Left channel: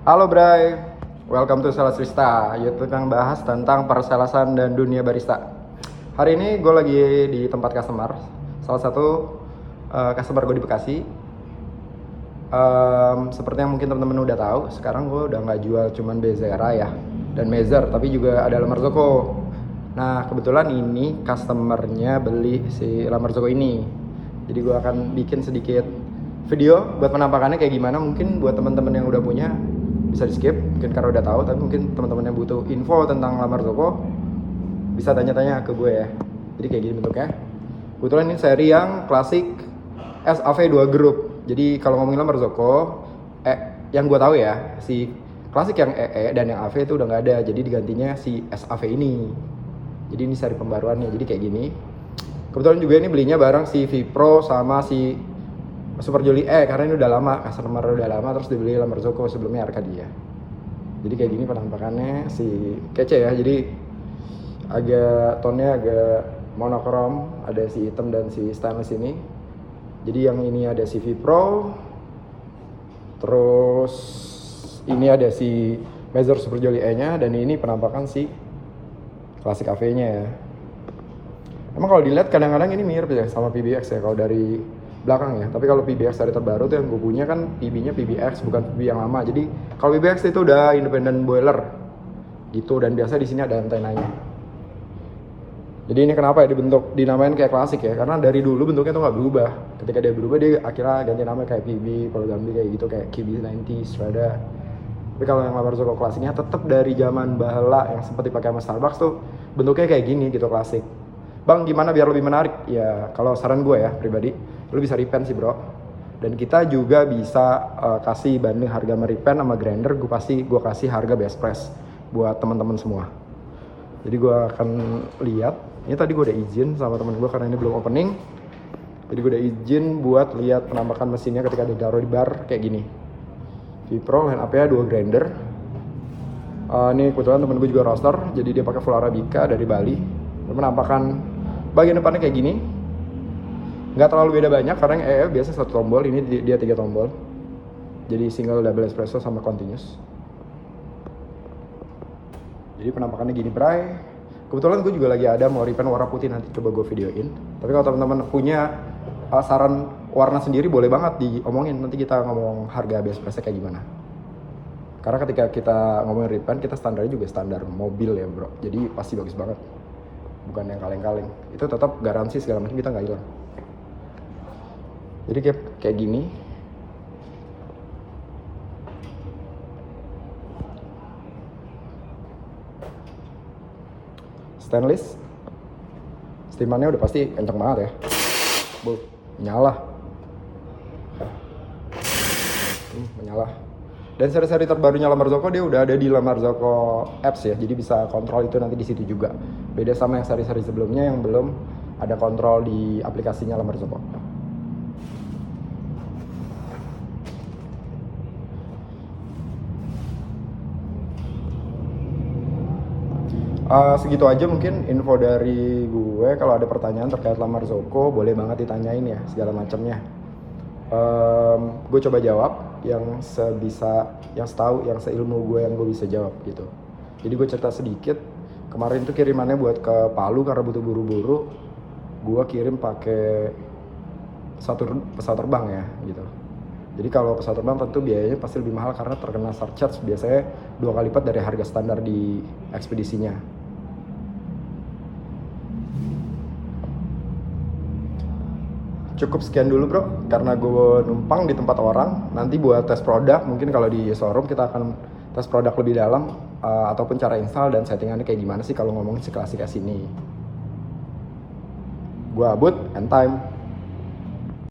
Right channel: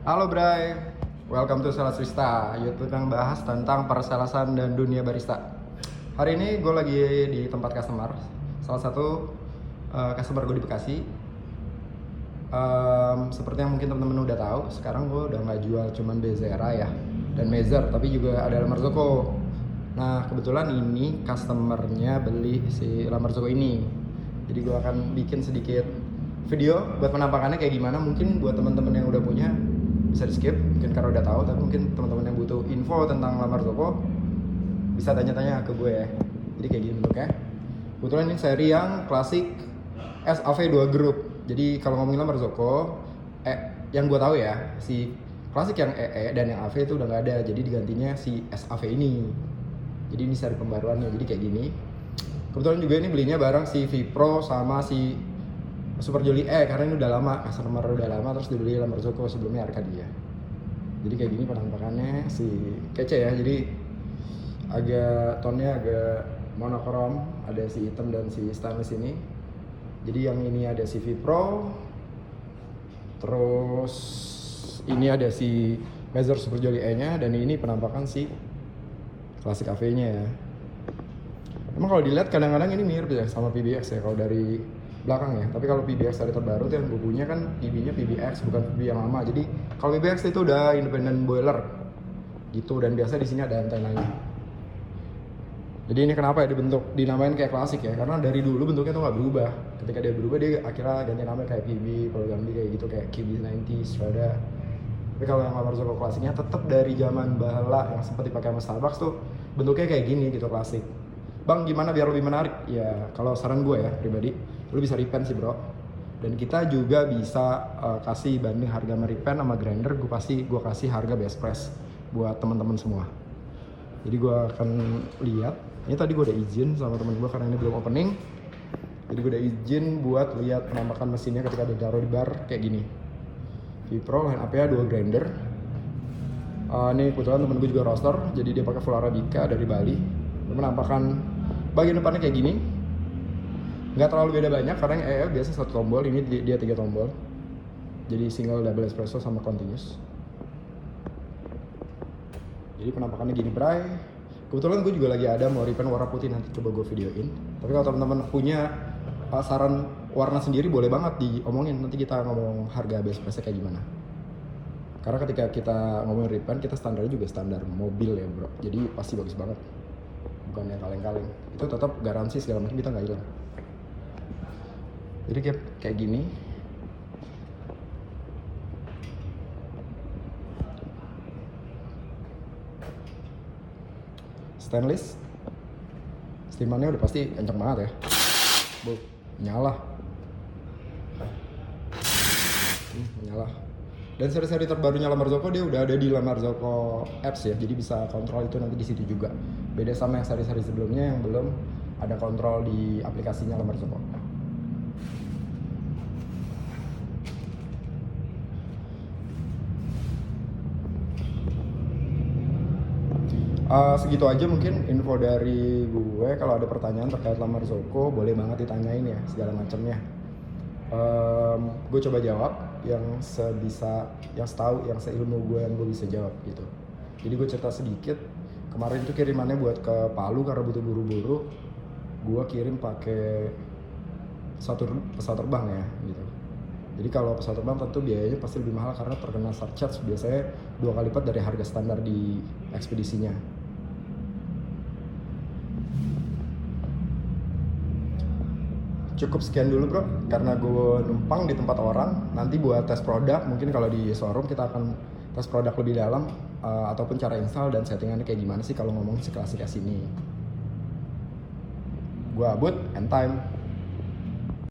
Halo Bray, welcome to Sales Vista, yaitu yang bahas tentang persalesan dan dunia barista. Hari ini gue lagi di tempat customer, salah satu customer gue di Bekasi. Seperti yang mungkin teman-teman udah tahu, sekarang gue udah nggak jual cuman Bezera ya dan Mezer, tapi juga ada La Marzocco. Nah kebetulan ini customernya beli si La Marzocco ini, jadi gue akan bikin sedikit video buat penampakannya kayak gimana. Mungkin buat teman-teman yang udah punya bisa di skip mungkin karena udah tahu, tapi mungkin teman-teman yang butuh info tentang La Marzocco bisa tanya-tanya ke gue ya. Jadi kayak gini bentuknya. Kebetulan ini seri yang klasik SAV 2 Group. Jadi kalau ngomongin La Marzocco, yang gue tahu ya, si klasik yang EE dan yang AV itu udah nggak ada, jadi digantinya si SAV ini. Jadi ini seri pembaruannya, jadi kayak gini. Kebetulan juga ini belinya bareng si Vipro sama si Super Jolly karena ini udah lama, customer udah lama, terus dibeli La Marzocco sebelumnya Arcadia. Jadi kayak gini penampakannya, si kece ya, jadi agak tone-nya agak monokrom, ada si hitam dan si stainless ini. Jadi yang ini ada si Vipro, terus ini ada si Mezer Super Jolly nya, dan ini penampakan si klasik AV-nya ya. Emang kalau dilihat kadang-kadang ini mirip ya sama PBX ya kalau dari belakang ya, tapi kalau PBX dari terbaru tuh yang gue punya kan PB-nya PBX bukan PB yang lama. Jadi kalau PBX itu udah independent boiler gitu, dan biasa di sini ada antenanya. Jadi ini kenapa ya dibentuk dinamain kayak klasik ya, karena dari dulu bentuknya tuh nggak berubah. Ketika dia berubah dia akhirnya ganti nama kayak PB, kalau ganti kayak gitu kayak KB90s ada. Tapi kalau yang La Marzocco klasiknya tetap dari zaman bahala yang sempat dipakai sama Starbucks tuh bentuknya kayak gini gitu, klasik. Bang gimana biar lebih menarik? Ya kalau saran gue ya pribadi, lu bisa repaint sih bro. Dan kita juga bisa kasih banding harga repaint sama grinder, gue kasih harga best price buat teman-teman semua. Jadi gue akan lihat, ini tadi gue udah izin sama temen gue karena ini belum opening. Jadi gue udah izin buat lihat penampakan mesinnya ketika ditaruh di bar kayak gini. Vipro line up-nya 2 grinder. Ini kebetulan temen gue juga roaster, jadi dia pakai full Arabica dari Bali. Penampakan bagian depannya kayak gini, nggak terlalu beda banyak karena yang EL biasa 1 tombol, ini dia 3 tombol, jadi single double espresso sama continuous. Jadi penampakannya gini bray. Kebetulan gue juga lagi ada mau repaint warna putih, nanti coba gue videoin. Tapi kalau teman-teman punya saran warna sendiri boleh banget diomongin, nanti kita ngomong harga best price kayak gimana. Karena ketika kita ngomongin repaint, kita standarnya juga standar mobil ya bro, jadi pasti bagus banget, bukan yang kaleng-kaleng. Itu tetap garansi segala macam, kita nggak hilang. Jadi kayak gini. Stainless. Steamannya udah pasti kenceng banget ya. Menyala. Menyala. Dan seri-seri terbarunya La Marzocco dia udah ada di La Marzocco apps ya, jadi bisa kontrol itu nanti di situ juga. Beda sama yang seri-seri sebelumnya yang belum ada kontrol di aplikasinya La Marzocco. Segitu aja mungkin info dari gue. Kalau ada pertanyaan terkait La Marzocco boleh banget ditanyain ya segala macamnya. Gue coba jawab yang sebisa, yang setahu, yang seilmu gue yang gue bisa jawab gitu. Jadi gue cerita sedikit, kemarin itu kirimannya buat ke Palu karena butuh buru-buru. Gue kirim pakai pesawat terbang ya gitu. Jadi kalau pesawat terbang tentu biayanya pasti lebih mahal karena terkena surcharge, biasanya 2 kali lipat dari harga standar di ekspedisinya. Cukup sekian dulu bro, karena gue numpang di tempat orang. Nanti buat tes produk, mungkin kalau di showroom kita akan tes produk lebih dalam, ataupun cara install dan settingannya kayak gimana sih kalau ngomongin si klasik S ini. Gue Abud, and time.